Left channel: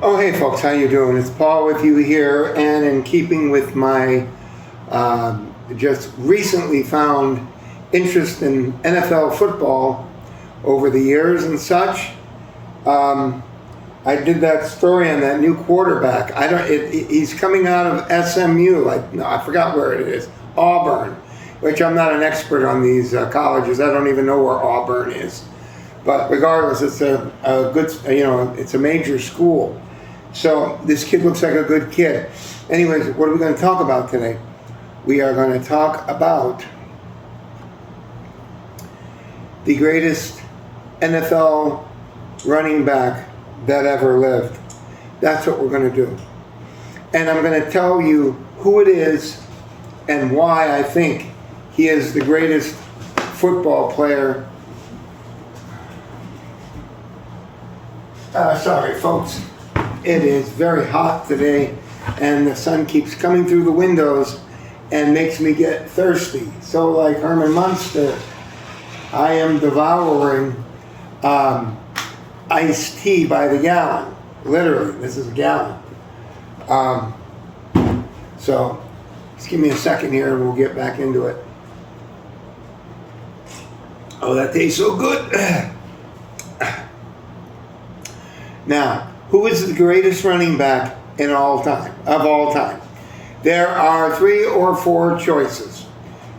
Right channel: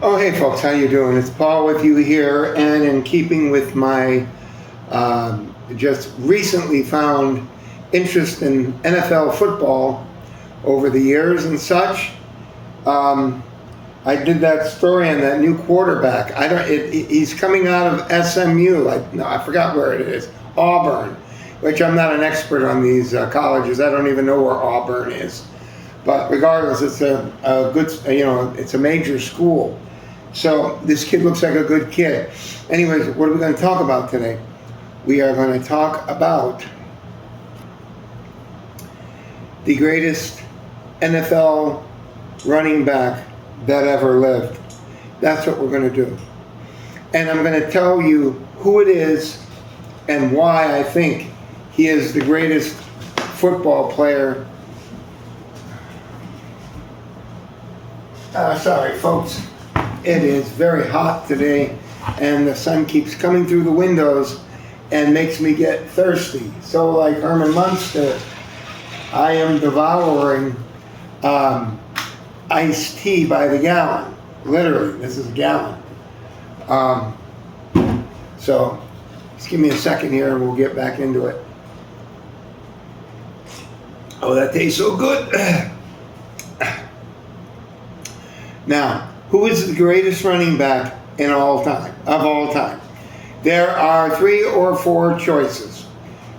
Oh, hey folks, how you doing? It's Paul with you here, and in keeping with my just recently found interest in NFL football over the years and such, I did that story on that new quarterback. I don't. He's coming out of SMU. I forgot where it is. Auburn, which I'm not an expert on these colleges. I don't even know where Auburn is. But regardless, it's a good. It's a major school. So this kid looks like a good kid. Anyways, what are we going to talk about today? We are going to talk about the greatest NFL running back that ever lived. That's what we're going to do. And I'm going to tell you who it is and why I think he is the greatest football player. Sorry, folks. It is very hot today, and the sun keeps coming through the windows and makes me get thirsty. So like Herman Munster, I am devouring iced tea by the gallon. Literally, this is a gallon. So just give me a second here and we'll get back into it. Oh, that tastes so good. Now, who is the greatest running back of all time? There are 3 or 4 choices.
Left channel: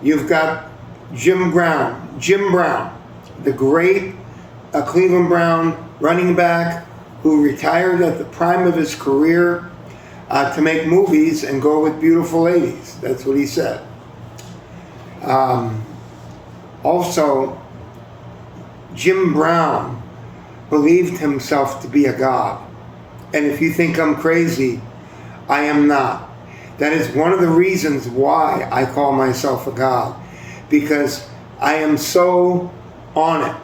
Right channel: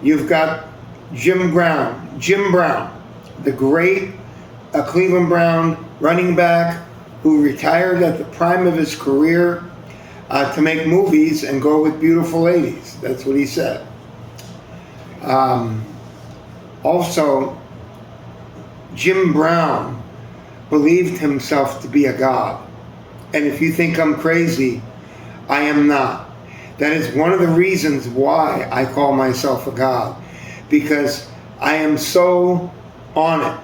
You've got Jim Brown, the great Cleveland Brown running back who retired at the prime of his career to make movies and go with beautiful ladies. That's what he said. Also, Jim Brown believed himself to be a god. And if you think I'm crazy, I am not. That is one of the reasons why I call myself a god. Because I am so on it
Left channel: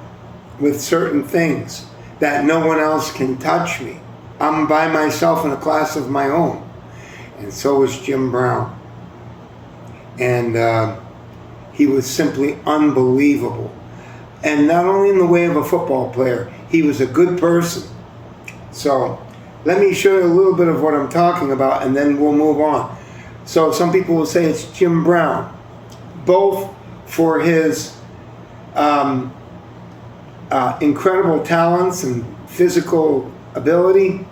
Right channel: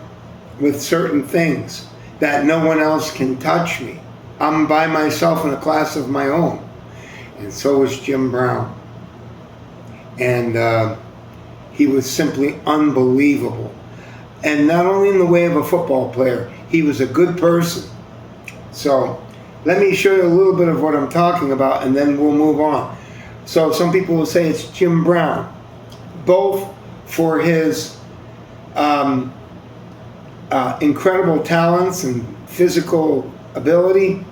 with certain things that no one else can touch me. I'm by myself in a class of my own. And so was Jim Brown. And he was simply unbelievable. And not only in the way of a football player, he was a good person. So let me show you a little bit of what I'm talking about, and then we'll move on. So some people will say it's Jim Brown, both for his incredible talents and physical ability,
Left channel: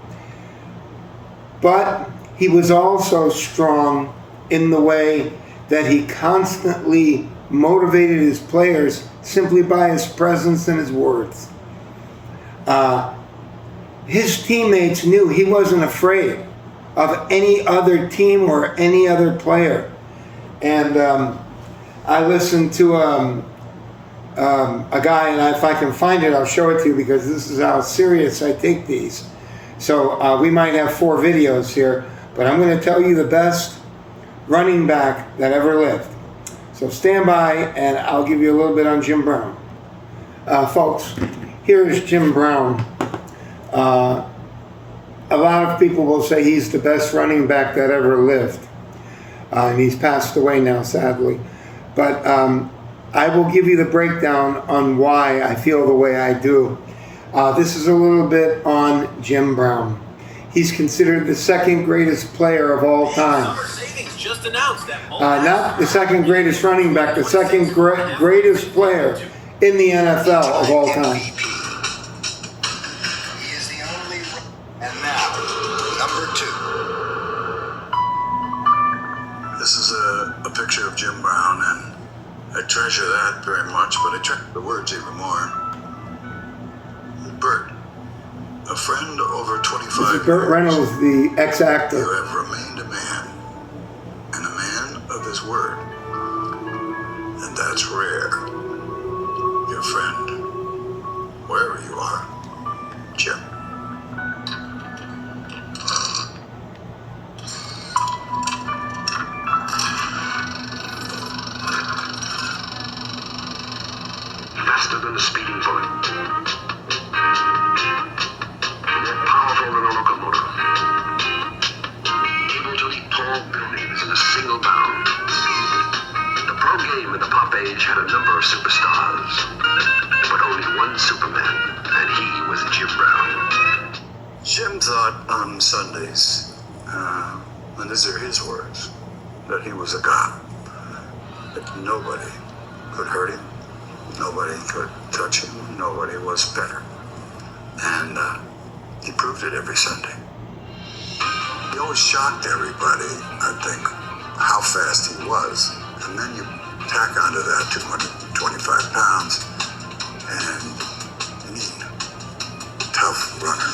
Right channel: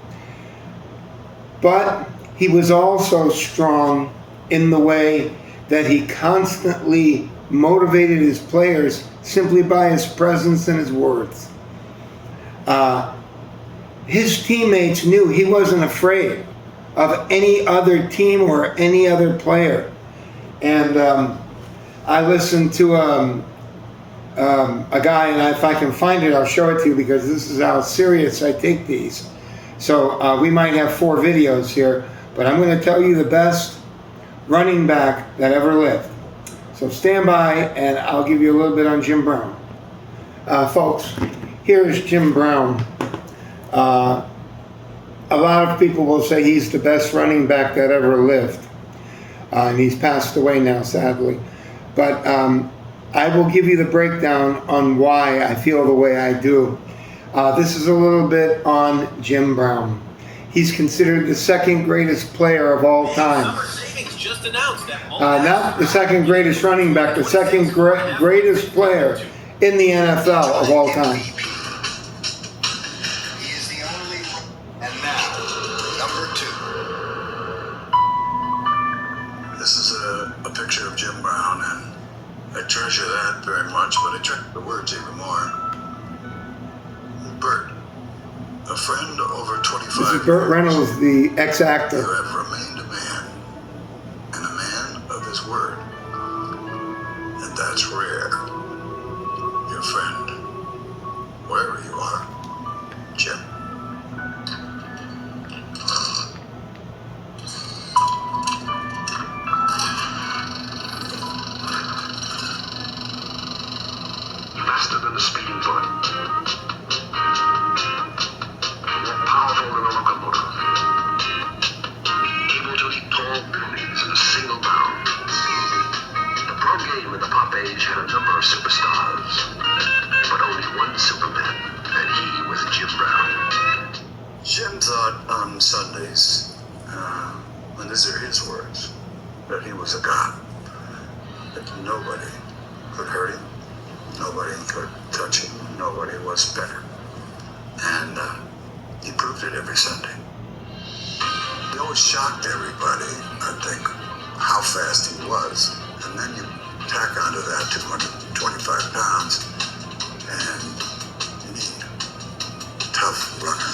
but he was also strong in the way that he constantly motivated his players simply by his presence and his words. His teammates knew he wasn't afraid of any other team or any other player. And I listened to a guy, and if I can find it, I'll show it to you because this is how serious I take these. So we might have 4 videos here, but I'm going to tell you the best running back that ever lived. So stand by, and I'll give you a little bit on Jim Brown. Folks, here's Jim Brown. A lot of people will say he's the best running back that ever lived. And he's passed away now, sadly. But I will give you the breakdown on why I feel the way I do. This is a little bit on Jim Brown. He's considered the second greatest player of all time. Not the second greatest running back, the second greatest player in the NFL of all time. And now, number 2. This is a picture of Jim Brown, and I treasure that very much, but I treasure the words even more. Burt, a friend over 25 This is Burt Reynolds, the ex-actor. You have remained a man, and a man of his word. And that's rare. Your friend, wherever you are, Jim. Faster than a speeding bullet. More powerful than a locomotive. Able to eat tall buildings in a single bound. The pro game in the pop age had a number of superstars, but only one Superman, and he was Jim Brown. Jim thought on Sundays, and these are his words, that he was a god. That nobody could hurt him, nobody could touch him, nobody was better. And he proved it every Sunday. He always shocked everybody, I think, how fast he was. And then you tack onto that 225 pounds and mean, tough runner.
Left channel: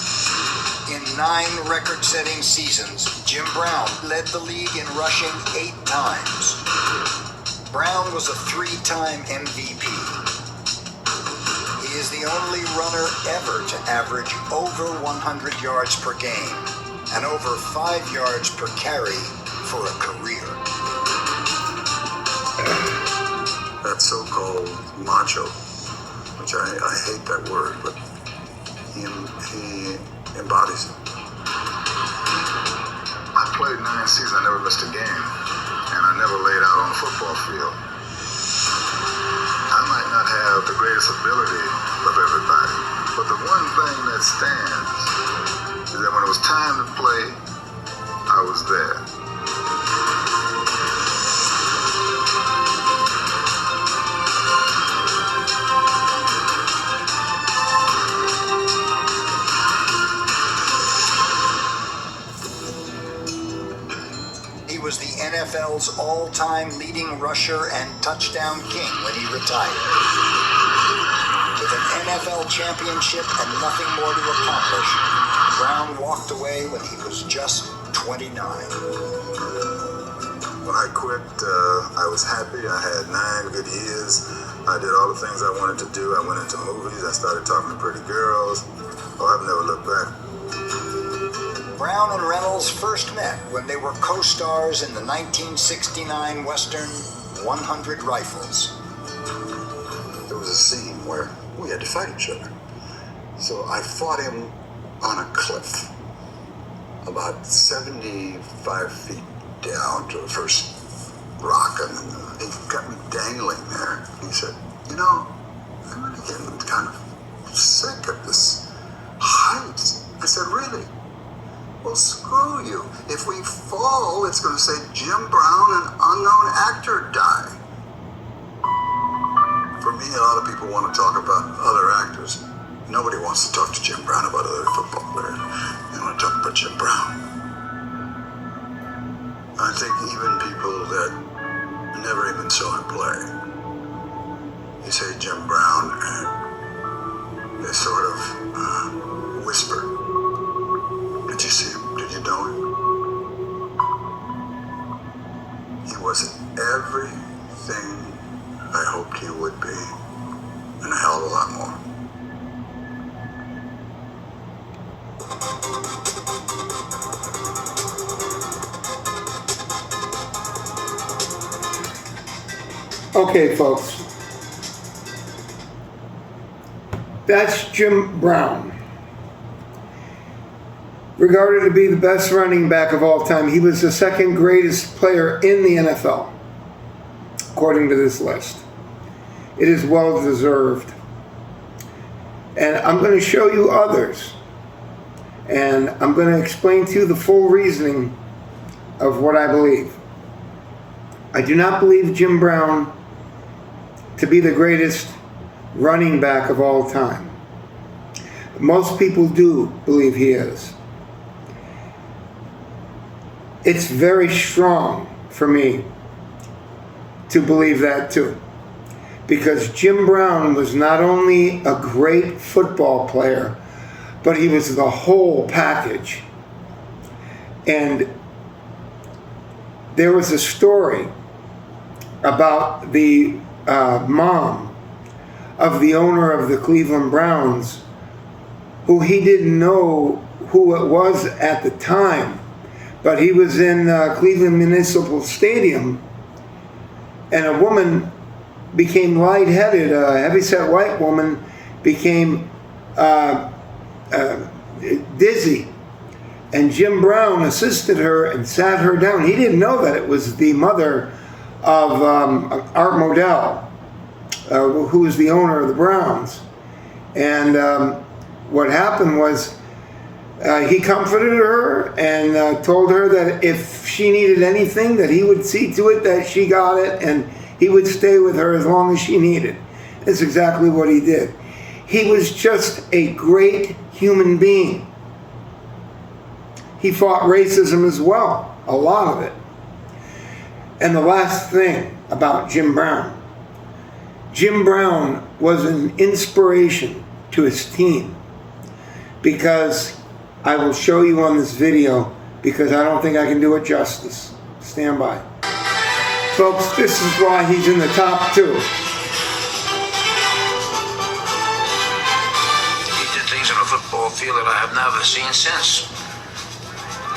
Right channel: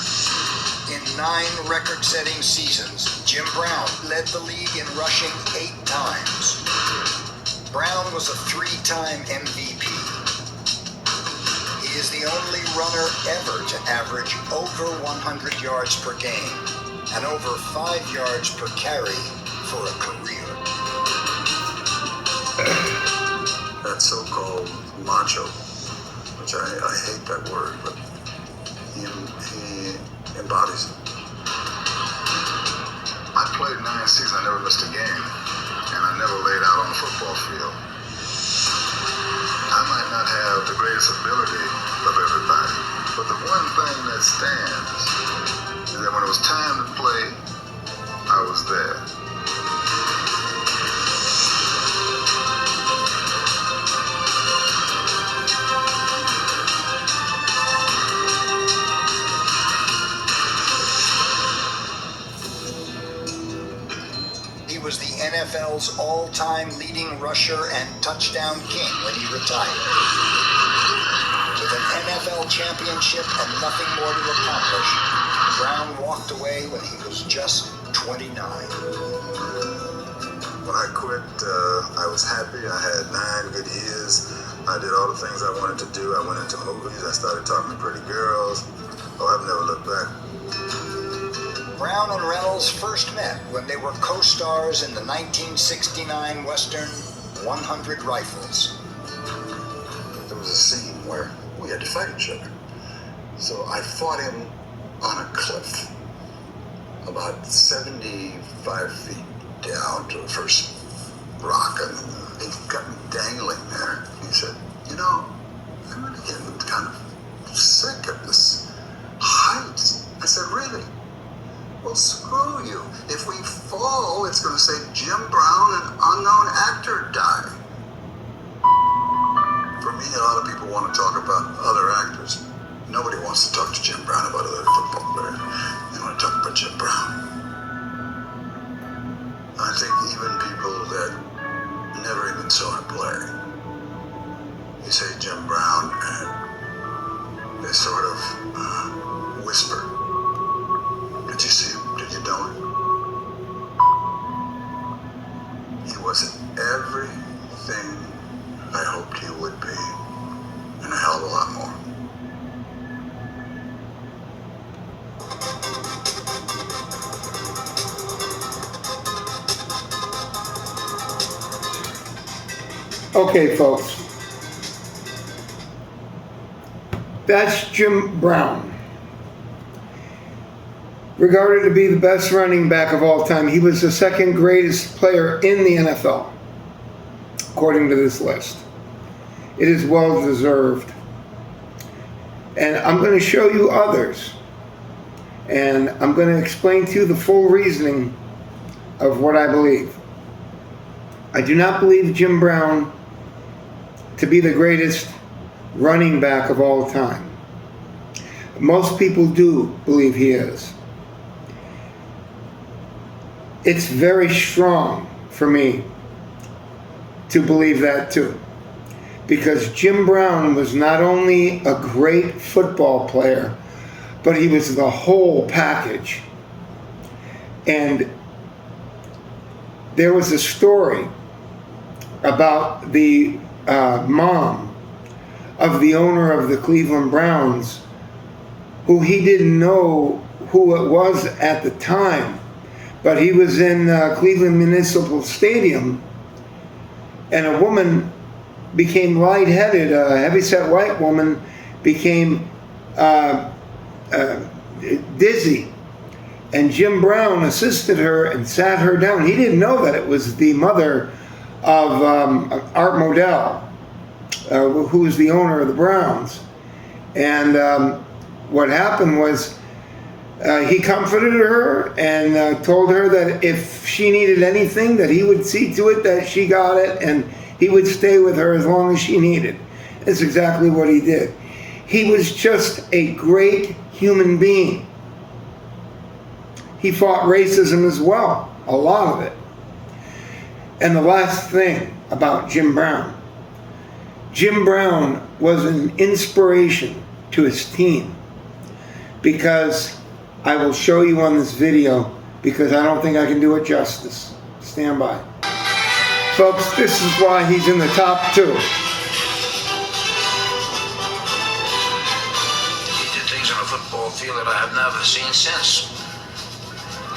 In 9 record-setting seasons, Jim Brown led the league in rushing 8 times. Brown was a 3-time MVP. He is the only runner ever to average over 100 yards per game and over 5 yards per carry for a career. That so-called macho, which I hate that word, but he embodies it. I played 9 seasons, I never missed a game, and I never laid out on a football field. I might not have the greatest ability of everybody, but the one thing that stands is that when it was time to play, I was there. He was the NFL's all-time leading rusher and touchdown king when he retired. With an NFL championship and nothing more to accomplish, Brown walked away when he was just 29. When I quit, I was happy. I had 9 good years. I did all the things I wanted to do. I went into movies. I started talking to pretty girls. Oh, I've never looked back. Brown and Reynolds first met when they were co-stars in the 1969 Western 100 Rifles. There was a scene where we had to fight each other. So I fought him on a cliff, about 75 feet down to the first rock, and he got me dangling there. He said, "You know, I'm really getting kind of sick of this height." I said, "Really?" "Well, screw you. If we fall, it's going to say Jim Brown, an unknown actor, died." For me, a lot of people want to talk about other actors. Nobody wants to talk to Jim Brown about other football players. They want to talk about Jim Brown. I think even people that never even saw him play, you say Jim Brown, and they sort of whisper, "Did you see him? Did you know him?" He was everything I hoped he would be, and a hell of a lot more. Okay, folks. That's Jim Brown. Regarded to be the best running back of all time, he was the 2nd greatest player in the NFL, according to this list. It is well deserved. And I'm going to show you others. And I'm going to explain to you the full reasoning of what I believe. I do not believe Jim Brown to be the greatest running back of all time. Most people do believe he is. It's very strong for me to believe that too. Because Jim Brown was not only a great football player, but he was the whole package. And there was a story about the mom of the owner of the Cleveland Browns, who he didn't know who it was at the time, but he was in Cleveland Municipal Stadium, and a woman became lightheaded. A heavyset white woman became dizzy, and Jim Brown assisted her and sat her down. He didn't know that it was the mother of Art Modell, who was the owner of the Browns. And what happened was He comforted her and told her that if she needed anything, that he would see to it that she got it, and he would stay with her as long as she needed. That's exactly what he did. He was just a great human being. He fought racism as well, a lot of it. And the last thing about Jim Brown. Jim Brown was an inspiration to his team, because I will show you on this video, because I don't think I can do it justice. Stand by. Folks, this is why he's in the top 2. He did things on a football field that I have never seen since.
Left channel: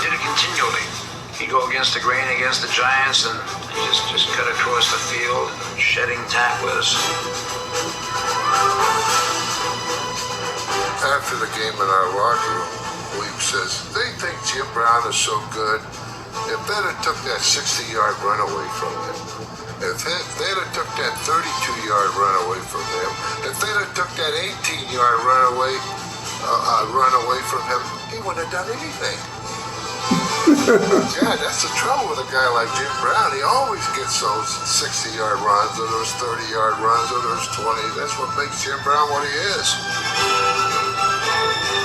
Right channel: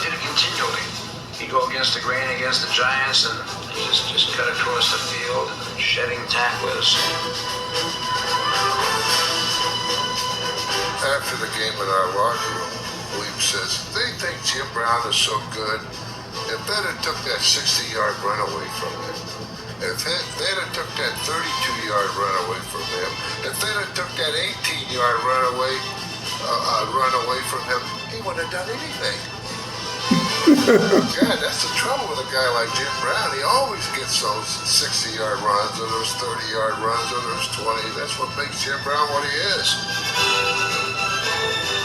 Did it continually. He'd go against the grain, against the Giants, and just cut across the field, shedding tacklers. After the game in our locker room, William says, they think Jim Brown is so good. If they'd have took that 60-yard run away from him, if they'd have took that 32-yard run away from him, if they'd have took that 18-yard run away from him, he wouldn't have done anything. God, that's the trouble with a guy like Jim Brown. He always gets those 60-yard runs, or those 30-yard runs, or those 20s. That's what makes Jim Brown what he is.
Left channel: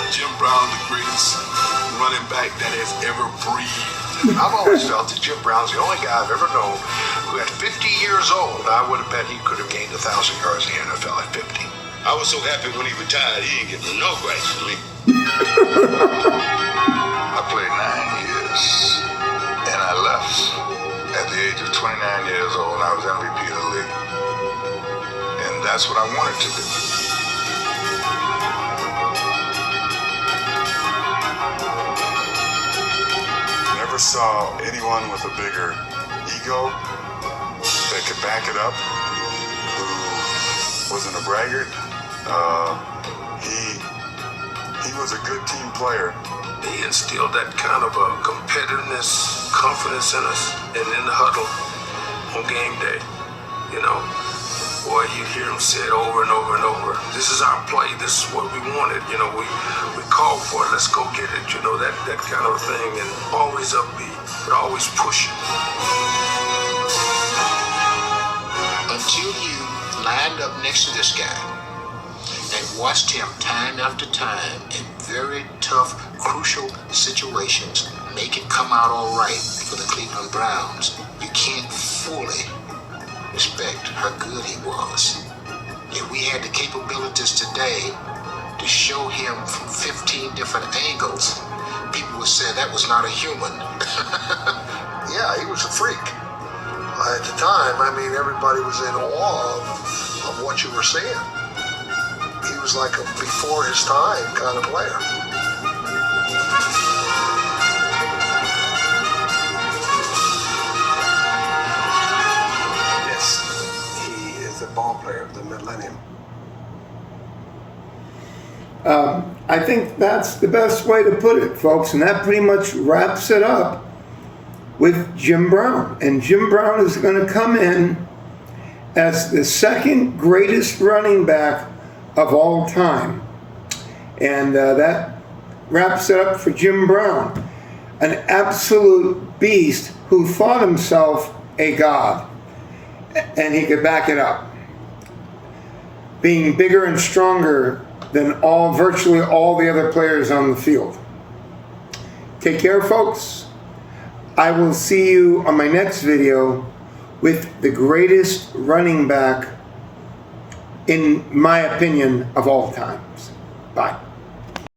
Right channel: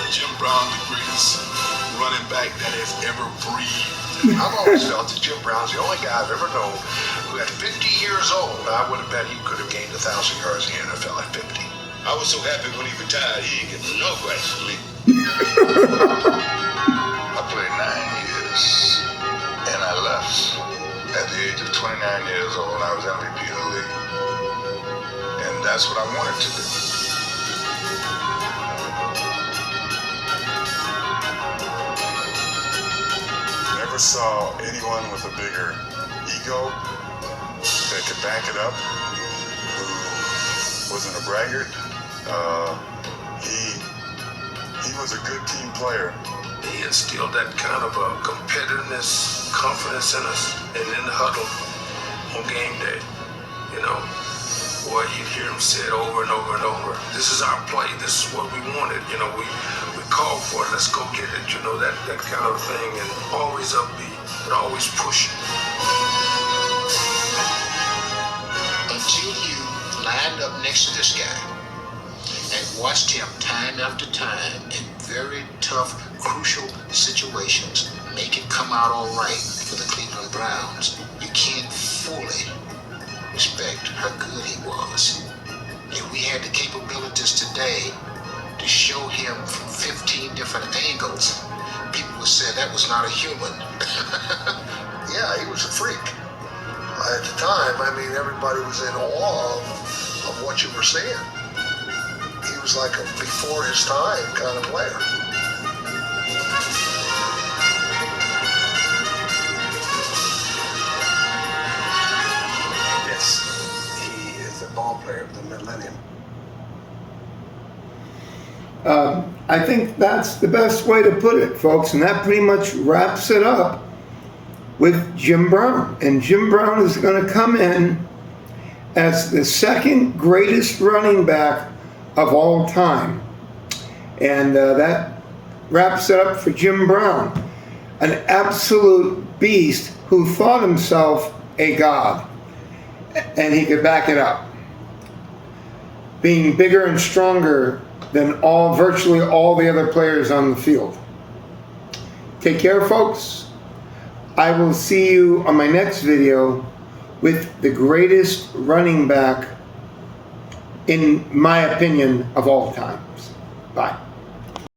Jim Brown, the greatest running back that has ever breathed. I've always felt that Jim Brown's the only guy I've ever known who at 50 years old, I would have bet he could have gained 1,000 yards in the NFL at 50. I was so happy when he retired, he didn't get no grace from me. I played 9 years, and I left at the age of 29 years old. I was MVP of the league, and that's what I wanted to do. Never saw anyone with a bigger ego that could back it up, who wasn't a braggart. He was a good team player. He instilled that kind of a competitiveness, confidence in us, and in the huddle on game day. You know, boy, you'd hear him say it over and over and over. This is our play. This is what we wanted. You know, we called for it. Let's go get it. You know, that kind of thing. And always upbeat, but always pushing. Until you lined up next to this guy and watched him time after time in very tough, crucial situations make it come out all right for the Cleveland Browns, you can't fully respect how good he was. If we had the capabilities today to show him from 15 different angles, people would say that was not a human. Yeah, he was a freak. At the time, I mean, everybody was in awe of what you were seeing. He was like a before his time kind of player. Yes, he is the ball player of the millennium. I think that's the best way to put it, folks, and that pretty much wraps it up with Jim Brown. And Jim Brown is going to come in as the second greatest running back of all time. And that wraps it up for Jim Brown, an absolute beast who thought himself a god. And he could back it up. Being bigger and stronger than virtually all the other players on the field. Take care, folks. I will see you on my next video with the greatest running back, in my opinion, of all times. Bye.